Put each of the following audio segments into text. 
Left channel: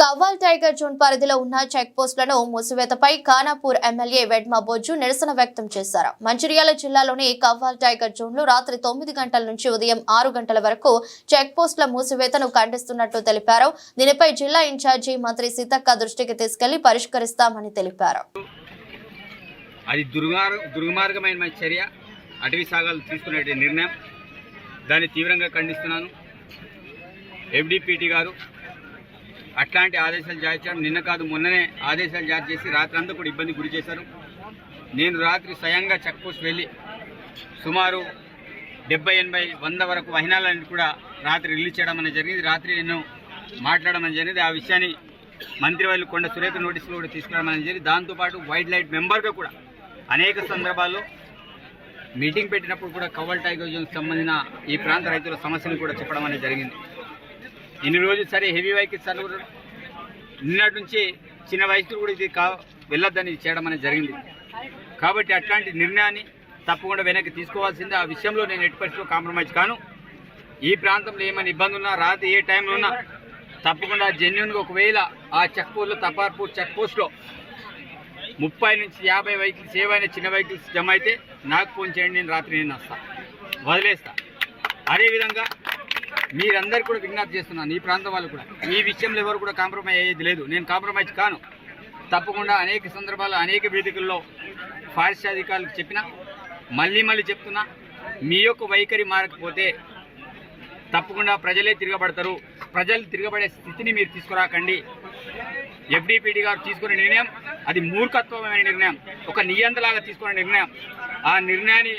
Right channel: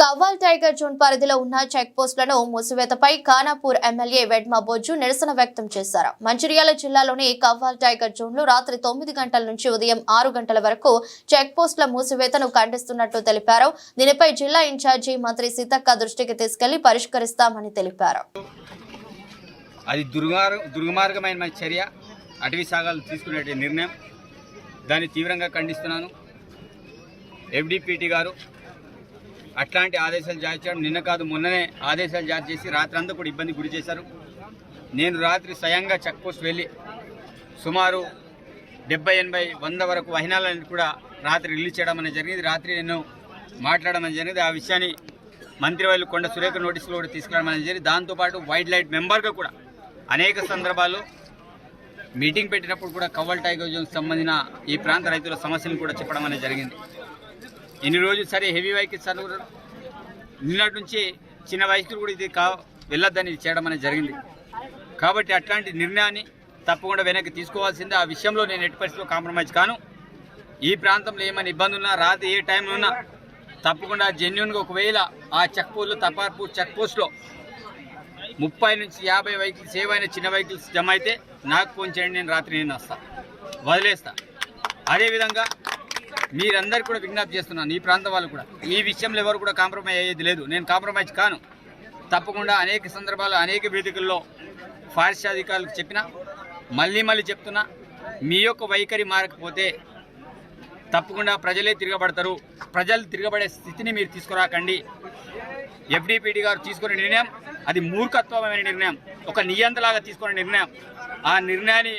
Kawal tiger zone పరిధిలో ఉన్న check పోస్టులను మూసివేతపై ఖానాపూర్ ఎమ్మెల్యే వెడ్మ బొజ్జు నిరసన వ్యక్తం చేశారు. మంచిర్యాల జిల్లాలోని కవ్వాల్ టైగర్ జోన్లో రాత్రి 9 గంటల నుంచి ఉదయం 6 గంటల వరకు చెక్ పోస్టుల మూసివేతను ఖండిస్తున్నట్టు తెలిపారు. దీనిపై జిల్లా ఇన్ఛార్జి మంత్రి సీతక్క దృష్టికి తీసుకెళ్లి పరిష్కరిస్తామని తెలిపారు. అది దుర్మార్గమైన చర్య, అటవీ సాగాలు తీసుకునే నిర్ణయం, దాన్ని తీవ్రంగా ఖండిస్తున్నాను. FDPT గారు అట్లాంటి ఆదేశాలు జారీ చేయడం నిన్న కాదు మొన్ననే ఆదేశాలు జారీ చేసి రాత్రి అంతా కూడా ఇబ్బంది గురి చేశారు. నేను రాత్రి స్వయంగా చెక్ పోస్ట్ వెళ్ళి సుమారు 70, 80, 100 వరకు వాహనాలను కూడా రాత్రి రిలీజ్ చేయడం అనేది జరిగింది. రాత్రి నేను మాట్లాడడం అనేది జరిగింది. ఆ విషయాన్ని మంత్రివర్యులు కొండ సురేఖ నోటీసులో కూడా తీసుకురావడం అనేది జరిగింది. దాంతోపాటు వైల్డ్ లైఫ్ మెంబర్గా కూడా అనేక సందర్భాల్లో మీటింగ్ పెట్టినప్పుడు కూడా కవ్వాల్ టైగర్ జోన్కి సంబంధించిన ఈ ప్రాంత రైతుల సమస్యలు కూడా చెప్పడం అనేది జరిగింది. ఇన్ని రోజులు సరే హెవీ వెహికల్స్ నిన్నటి నుంచి చిన్న వయసులు కూడా ఇది వెళ్ళొద్దని చేయడం అనేది జరిగింది. కాబట్టి అట్లాంటి నిర్ణయాన్ని తప్పకుండా వెనక్కి తీసుకోవాల్సిందే. ఆ విషయంలో నేను ఎట్టి పరిస్థితిలో కాంప్రమైజ్ కాను. ఈ ప్రాంతంలో ఏమైనా ఇబ్బంది ఉన్నా రాత్రి ఏ టైంలో ఉన్నా తప్పకుండా జెన్యున్గా ఒకవేళ ఆ చెక్ పోస్ట్లో తపార్పూర్ చెక్ పోస్ట్లో 30 నుంచి 50 వెహికల్స్ ఏవైనా చిన్న వెహికల్స్ జమ అయితే నాకు ఫోన్ చేయండి, నేను రాత్రి నేను వస్తాను, వదిలేస్తా. అదేవిధంగా మీరందరూ కూడా విజ్ఞప్తి చేస్తున్నాను, ఈ ప్రాంతం వాళ్ళు కూడా ఈ విషయంలో ఎవరు కూడా కాంప్రమైజ్ అయ్యేది లేదు. నేను కాంప్రమైజ్ కాను. తప్పకుండా అనేక సందర్భాల్లో అనేక వేదికల్లో ఫారెస్ట్ అధికారులకు చెప్పినా, మళ్ళీ చెప్తున్నా, మీ యొక్క వైఖరి మారకపోతే తప్పకుండా ప్రజలే తిరగబడతారు. ప్రజలు తిరగబడే స్థితిని మీరు తీసుకురాకండి. FDPT గారు తీసుకునే నిర్ణయం అది మూర్ఖత్వమైన నిర్ణయం, ఒక నియంత్రణలాగా తీసుకునే నిర్ణయం. ఆ నిర్ణయాన్ని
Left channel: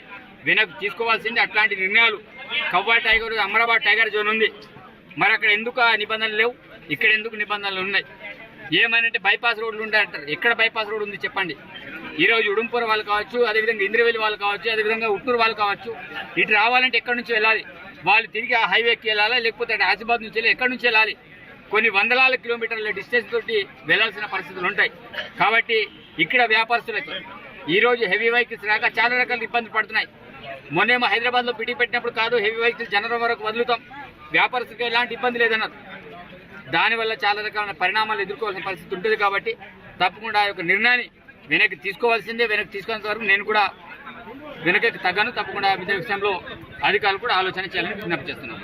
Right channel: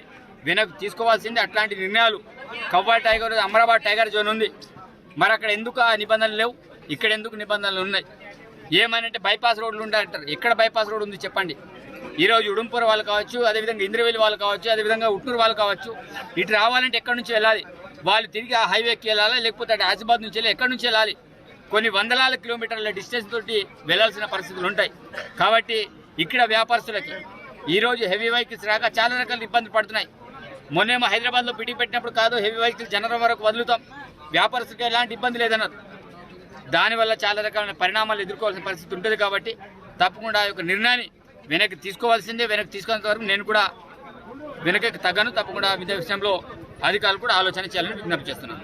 వెనక్కి తీసుకోవాల్సింది. అట్లాంటి నిర్ణయాలు Kawal tiger, Amrabad tiger zone ఉంది, మరి అక్కడ ఎందుకు ఆ నిబంధనలు లేవు, ఇక్కడ ఎందుకు నిబంధనలు ఉన్నాయి? ఏమనంటే బైపాస్ రోడ్లు ఉంటాయంటారు. ఎక్కడ బైపాస్ రోడ్ ఉంది చెప్పండి? ఈరోజు ఉడుంపూర్ వాళ్ళు కావచ్చు, అదేవిధంగా ఇంద్రవెల్లి వాళ్ళు కావచ్చు, అదేవిధంగా ఉట్నూరు వాళ్ళు కావచ్చు, ఇటు రావాలంటే ఎక్కడి నుంచి వెళ్ళాలి? వాళ్ళు తిరిగి ఆ హైవేకి వెళ్ళాలా, లేకపోతే అటు ఆసిబాద్ నుంచి వెళ్ళి ఎక్కడి నుంచి వెళ్ళాలి? కొన్ని వందలాల కిలోమీటర్ల డిస్టెన్స్ తోటి వెళ్లాల్సిన పరిస్థితులు ఉంటాయి. కాబట్టి ఇక్కడ వ్యాపారస్తులకి ఈరోజు హెవీ వెహికల్స్ రాక చాలా రకాల ఇబ్బందులు పడుతున్నాయి. మొన్నేమో హైదరాబాద్లో పిటి పెట్టినప్పుడు కాదు హెవీ వెహికల్స్ జనరల్ వరకు వదులుతాం, వ్యాపారస్తులకు ఎలాంటి ఇబ్బంది లేదన్నారు. దానివల్ల చాలా రకాల పరిణామాలు ఎదుర్కోవాల్సిన పరిస్థితి ఉంటుంది. కాబట్టి తప్పకుండా ఆ యొక్క నిర్ణయాన్ని వెనక్కి తీసుకోవాల్సిందే. వెనక్కి తీసుకునేంత వరకు నేను కూడా వెనక్కి తగ్గను. తప్పకుండా విషయంలో అధికారులు కూడా ఆలోచన చేయాలని విజ్ఞప్తి చేస్తున్నాను.